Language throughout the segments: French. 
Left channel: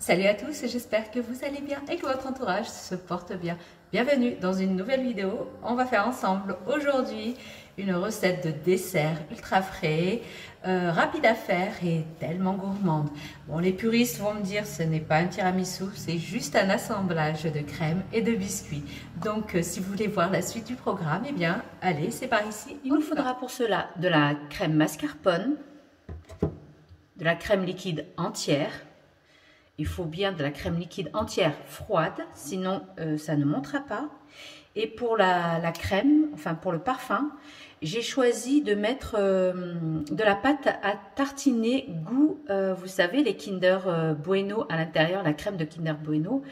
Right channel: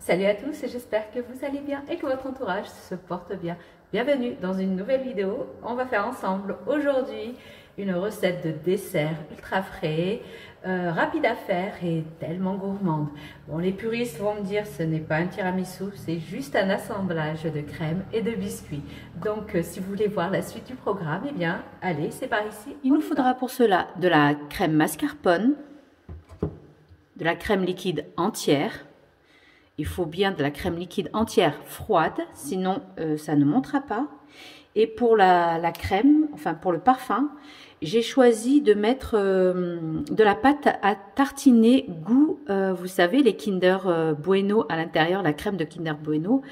Salut à tous, j'espère que vous allez bien et que votre entourage se porte bien. Bienvenue dans une nouvelle vidéo. On va faire ensemble aujourd'hui une recette de dessert ultra frais, rapide à faire et tellement gourmande. Bon, les puristes vont me dire ce n'est pas un tiramisu, c'est juste un assemblage de crème et de biscuits. Donc si vous voulez voir la suite du programme, eh bien allez, c'est par ici. Il nous faudra pour cela de la crème mascarpone, de la crème liquide entière. Il faut bien de la crème liquide entière froide, sinon ça ne montera pas. Et pour la crème, enfin pour le parfum, j'ai choisi de mettre de la pâte à tartiner goût, vous savez, les Kinder Bueno à l'intérieur, la crème de Kinder Bueno.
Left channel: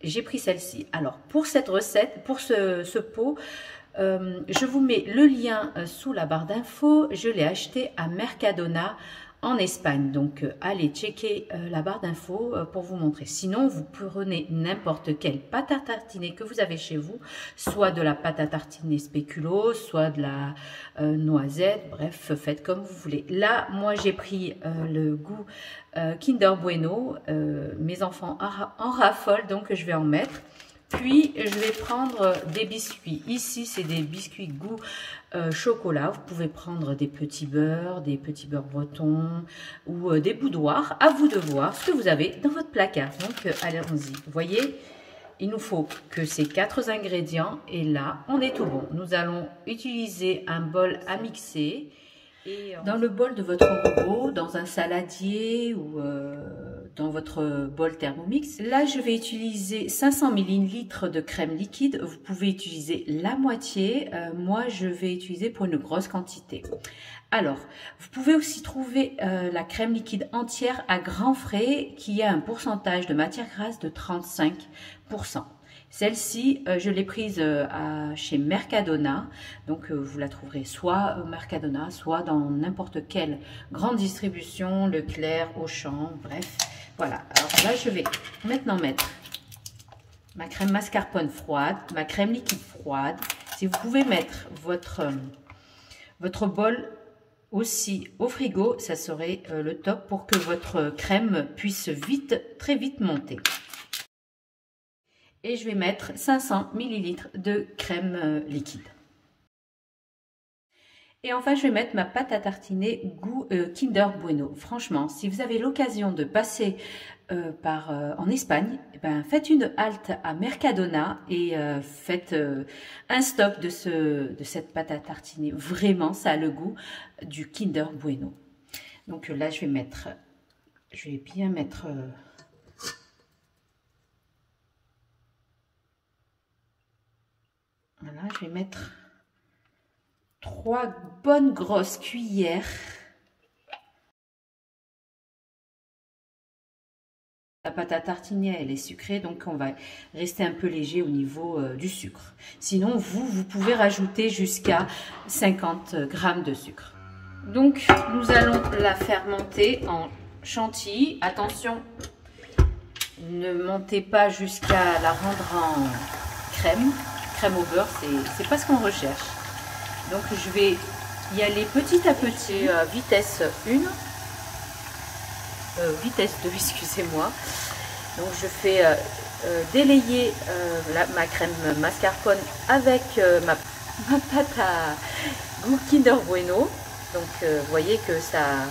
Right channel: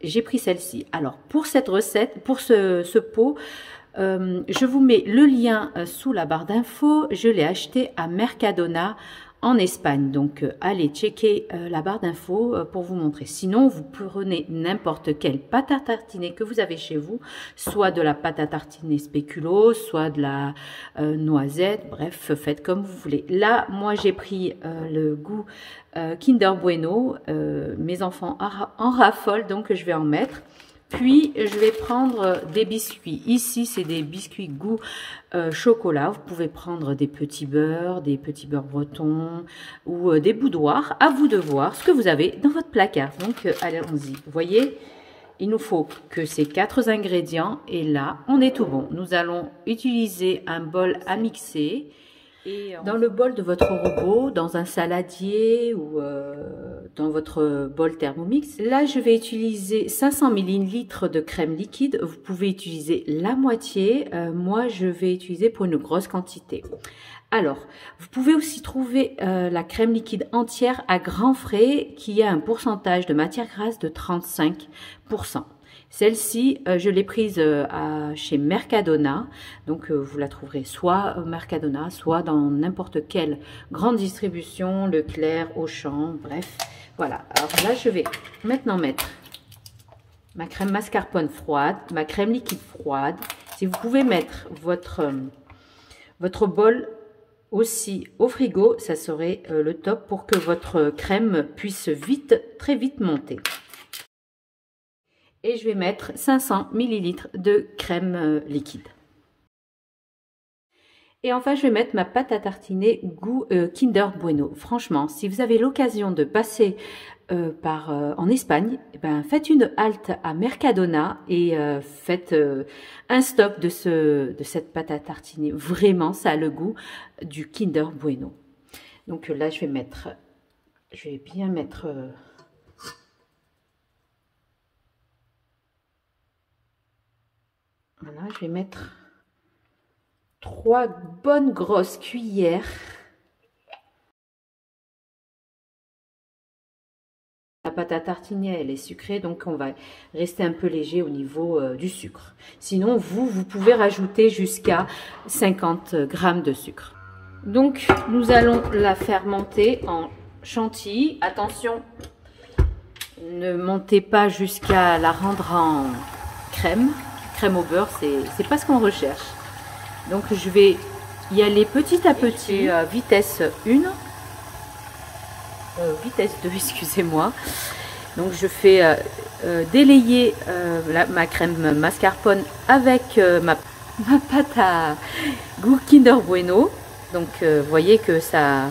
J'ai pris celle-ci. Alors pour cette recette, pour ce pot, je vous mets le lien sous la barre d'infos. Je l'ai acheté à Mercadona en Espagne, donc allez checker la barre d'infos pour vous montrer. Sinon, vous prenez n'importe quelle pâte à tartiner que vous avez chez vous, soit de la pâte à tartiner spéculoos, soit de la noisette, bref, faites comme vous voulez. Là, moi j'ai pris le goût Kinder Bueno, mes enfants en raffolent, donc je vais en mettre. Puis, je vais prendre des biscuits. Ici, c'est des biscuits goût chocolat. Vous pouvez prendre des petits beurres bretons ou des boudoirs. À vous de voir ce que vous avez dans votre placard. Donc, allons-y. Vous voyez, il nous faut que ces 4 ingrédients. Et là, on est tout bon. Nous allons utiliser un bol à mixer. Et dans le bol de votre robot, dans un saladier ou dans votre bol Thermomix, là je vais utiliser 500 ml de crème liquide. Vous pouvez utiliser la moitié, moi je vais utiliser pour une grosse quantité. Alors, vous pouvez aussi trouver la crème liquide entière à grands frais qui a un pourcentage de matière grasse de 35%. Celle-ci, je l'ai prise chez Mercadona, donc vous la trouverez soit au Mercadona, soit dans n'importe quelle grande distribution, Leclerc, Auchan, bref. Voilà, alors là je vais maintenant mettre ma crème mascarpone froide, ma crème liquide froide. Si vous pouvez mettre votre bol aussi au frigo, ça serait le top pour que votre crème puisse très vite monter. Et je vais mettre 500 ml de crème liquide. Et enfin, je vais mettre ma pâte à tartiner goût Kinder Bueno. Franchement, si vous avez l'occasion de passer en Espagne, eh ben, faites une halte à Mercadona et faites un stop de cette pâte à tartiner. Vraiment, ça a le goût du Kinder Bueno. Donc là, je vais bien mettre... Voilà, je vais mettre 3 bonnes grosses cuillères. La pâte à tartiner, elle est sucrée, donc on va rester un peu léger au niveau du sucre. Sinon, vous pouvez rajouter jusqu'à 50 g de sucre. Donc, nous allons la faire monter en chantilly. Attention, ne montez pas jusqu'à la rendre en crème au beurre, c'est pas ce qu'on recherche. Donc je vais y aller petit à petit, vitesse 1, vitesse 2, excusez-moi. Donc je fais délayer ma crème mascarpone avec ma pâte à goût Kinder Bueno. Donc vous voyez que ça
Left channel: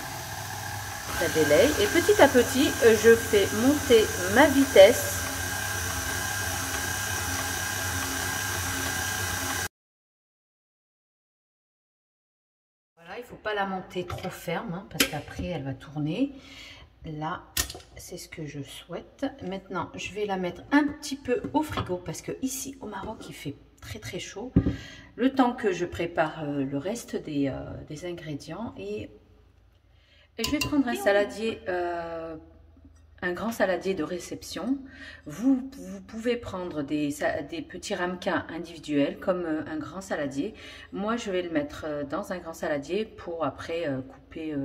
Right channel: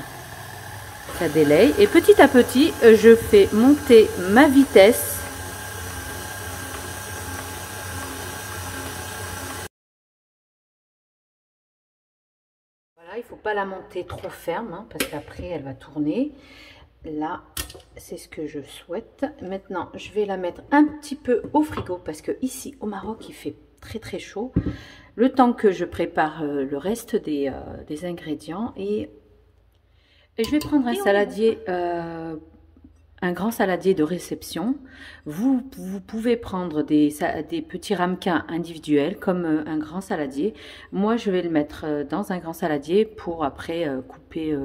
délaye. Et petit à petit, je fais monter ma vitesse. Il ne faut pas la monter trop ferme, hein, parce qu'après elle va tourner. Là, c'est ce que je souhaite. Maintenant, je vais la mettre un petit peu au frigo, parce que ici au Maroc, il fait très chaud. Le temps que je prépare le reste des ingrédients. Et je vais prendre un saladier, un grand saladier de réception. Vous pouvez prendre des petits ramequins individuels comme un grand saladier. Moi, je vais le mettre dans un grand saladier pour après couper,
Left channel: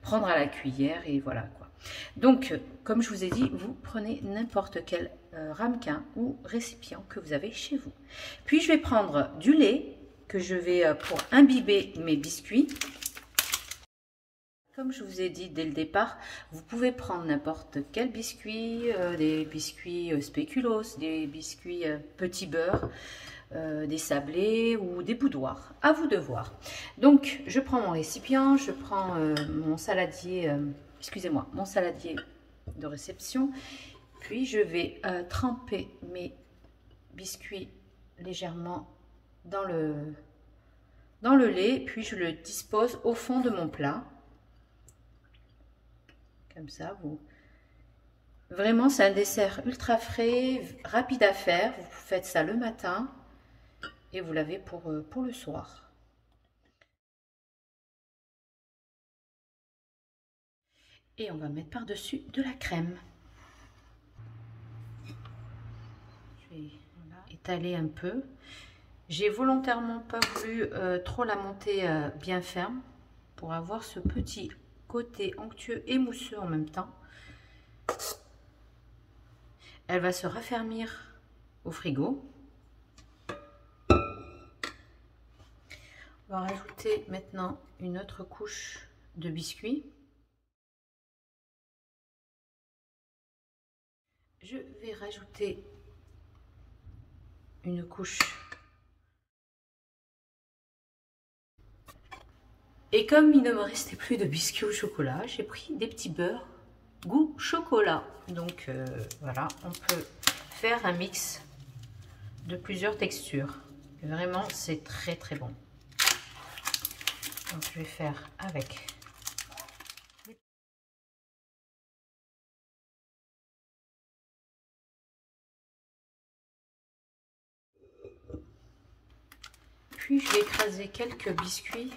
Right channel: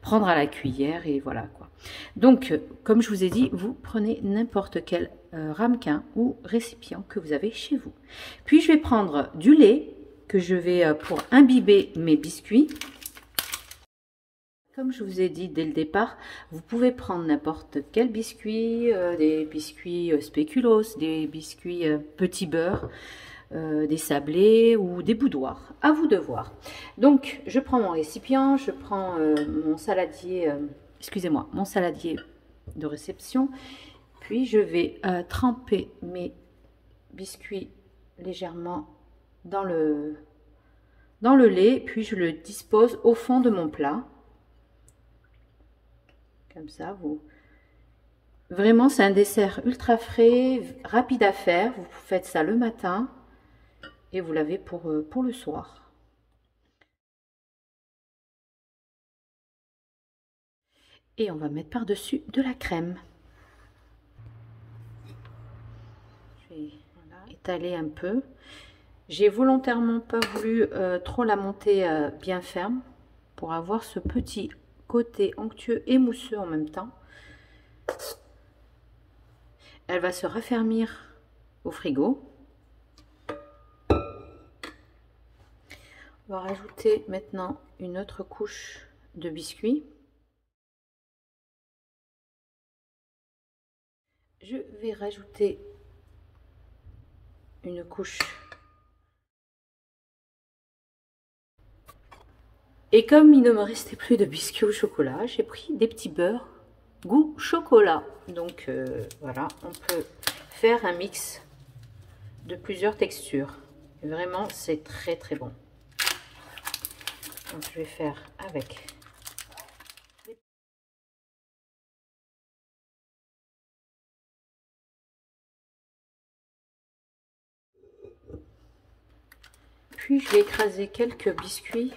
prendre à la cuillère et voilà quoi. Donc, comme je vous ai dit, vous prenez n'importe quel ramequin ou récipient que vous avez chez vous. Puis, je vais prendre du lait que je vais pour imbiber mes biscuits. Comme je vous ai dit dès le départ, vous pouvez prendre n'importe quel biscuit, des biscuits spéculoos, des biscuits petit beurre, des sablés ou des boudoirs. À vous de voir. Donc, je prends mon récipient, je prends mon saladier, excusez-moi, mon saladier de réception. Puis, je vais tremper mes biscuits légèrement dans le lait. Puis, je le dispose au fond de mon plat. Comme ça, vraiment, c'est un dessert ultra frais, rapide à faire. Vous faites ça le matin et vous l'avez pour le soir. Et on va mettre par-dessus de la crème. Je vais étaler un peu. J'ai volontairement pas voulu trop la monter bien ferme pour avoir ce petit côté onctueux et mousseux en même temps. Elle va se raffermir au frigo. On va rajouter maintenant une autre couche de biscuits. Je vais rajouter une couche. Et comme il ne me restait plus de biscuits au chocolat, j'ai pris des petits beurres goût chocolat. Donc voilà, on peut faire un mix de plusieurs textures. Et vraiment, c'est très très bon. Donc je vais faire avec. Puis je vais écraser quelques biscuits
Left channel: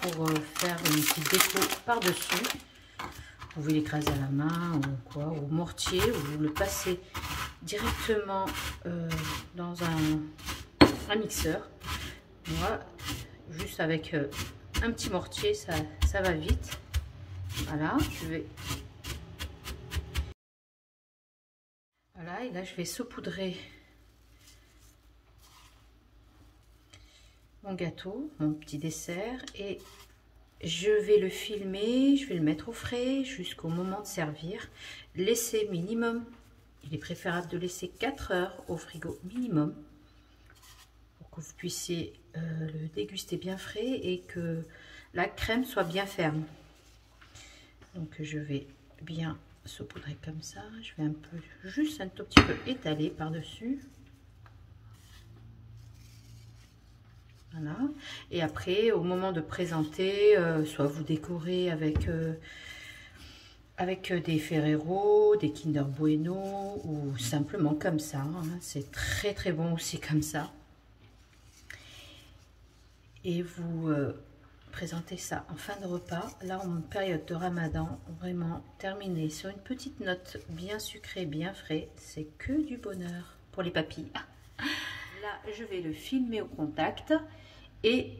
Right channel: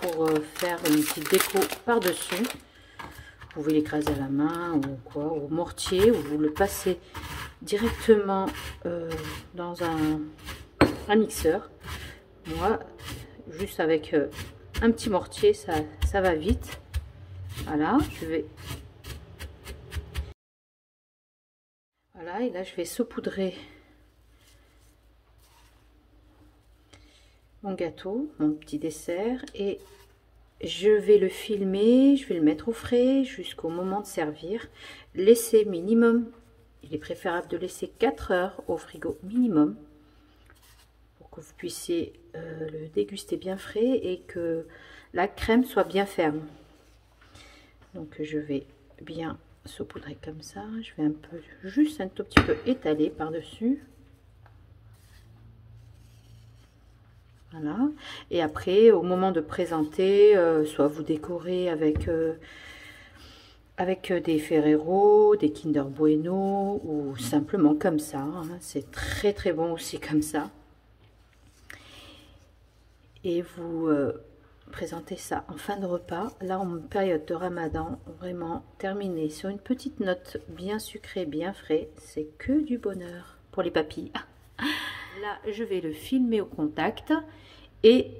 pour faire une petite déco par-dessus. Vous pouvez l'écraser à la main ou quoi, au mortier, ou vous le passez directement dans un mixeur. Moi, juste avec un petit mortier, ça va vite. Voilà, voilà, et là je vais saupoudrer mon gâteau, mon petit dessert, et je vais le filmer, je vais le mettre au frais jusqu'au moment de servir. Laissez minimum, il est préférable de laisser 4 heures au frigo minimum pour que vous puissiez le déguster bien frais et que la crème soit bien ferme. Donc je vais bien saupoudrer comme ça, je vais juste un tout petit peu étaler par-dessus. Voilà. Et après, au moment de présenter, soit vous décorez avec des Ferrero, des Kinder Bueno, ou simplement comme ça. Hein. C'est très très bon aussi comme ça. Et vous présentez ça en fin de repas. Là, en période de Ramadan, vraiment terminé sur une petite note bien sucrée, bien frais. C'est que du bonheur pour les papilles. Là, je vais le filmer au contact. Et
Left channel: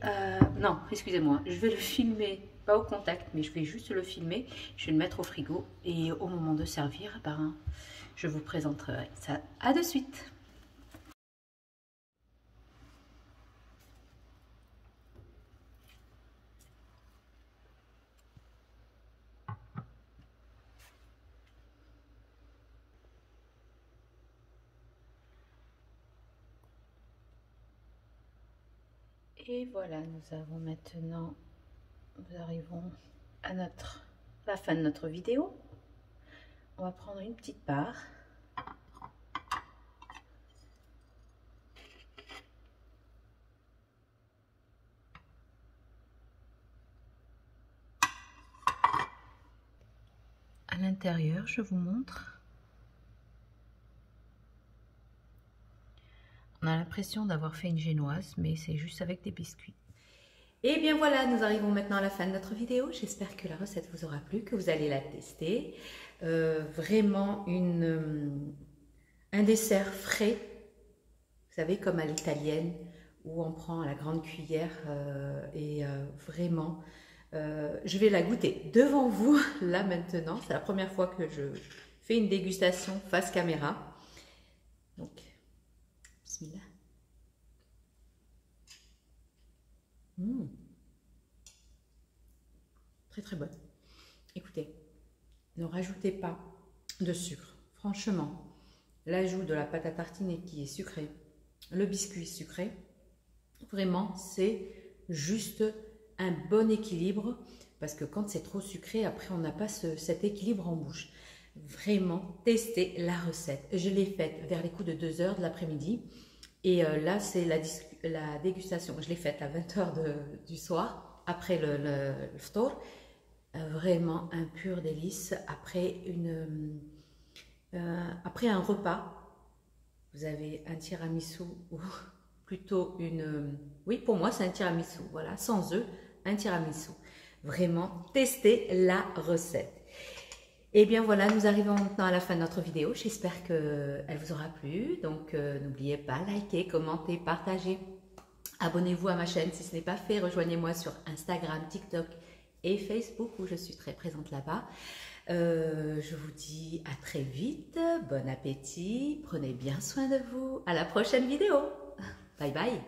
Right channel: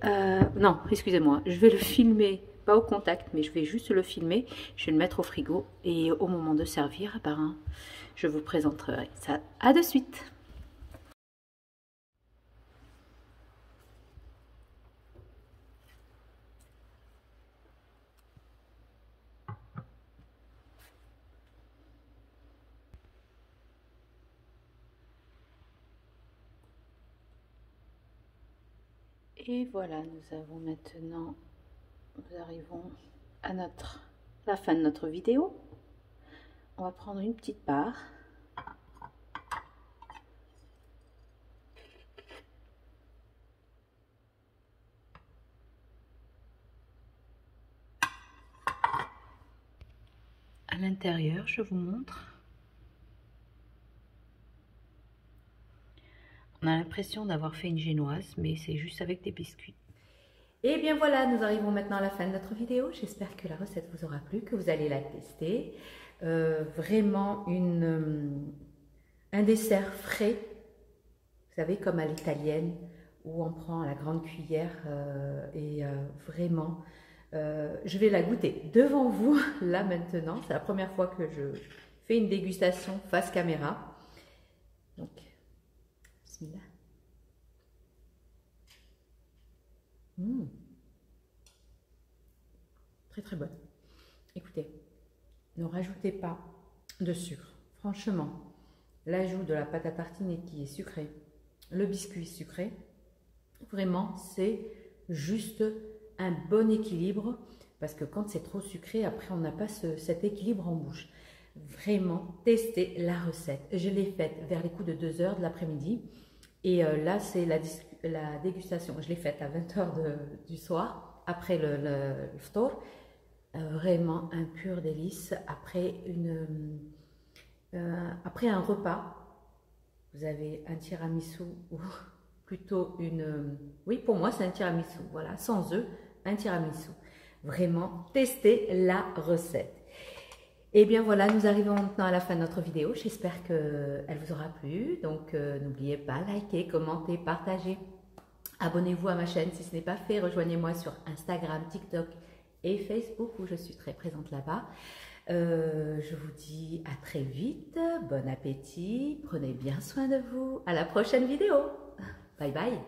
non, excusez-moi, je vais le filmer, pas au contact, mais je vais juste le filmer. Je vais le mettre au frigo et au moment de servir, ben, je vous présenterai ça. À de suite. Et voilà, nous arrivons à la fin de notre vidéo. On va prendre une petite part. À l'intérieur, je vous montre. On a l'impression d'avoir fait une génoise, mais c'est juste avec des biscuits. Et bien voilà, nous arrivons maintenant à la fin de notre vidéo. J'espère que la recette vous aura plu, que vous allez la tester. Vraiment un dessert frais, vous savez, comme à l'italienne, où on prend la grande cuillère vraiment, je vais la goûter devant vous, là maintenant. C'est la première fois que je fais une dégustation face caméra. Donc, bismillah. Très très bonne. écoutez, ne rajoutez pas de sucre. Franchement, l'ajout de la pâte à tartiner qui est sucrée, le biscuit sucré, vraiment, c'est juste un bon équilibre parce que quand c'est trop sucré, après, on n'a pas cet équilibre en bouche. Vraiment, testez la recette. Je l'ai faite vers les coups de 2 h de l'après-midi et là, c'est la dégustation. Je l'ai faite à 20 h du soir, après le ftour. Vraiment un pur délice. Après un repas, vous avez un tiramisu ou plutôt oui, pour moi, c'est un tiramisu. Voilà, sans œufs, un tiramisu. Vraiment, testez la recette. Et bien voilà, nous arrivons maintenant à la fin de notre vidéo. J'espère qu'elle vous aura plu. Donc, n'oubliez pas, likez, commentez, partagez. Abonnez-vous à ma chaîne si ce n'est pas fait. Rejoignez-moi sur Instagram, TikTok et Facebook où je suis très présente là-bas. Je vous dis à très vite. Bon appétit. Prenez bien soin de vous. À la prochaine vidéo. Bye bye.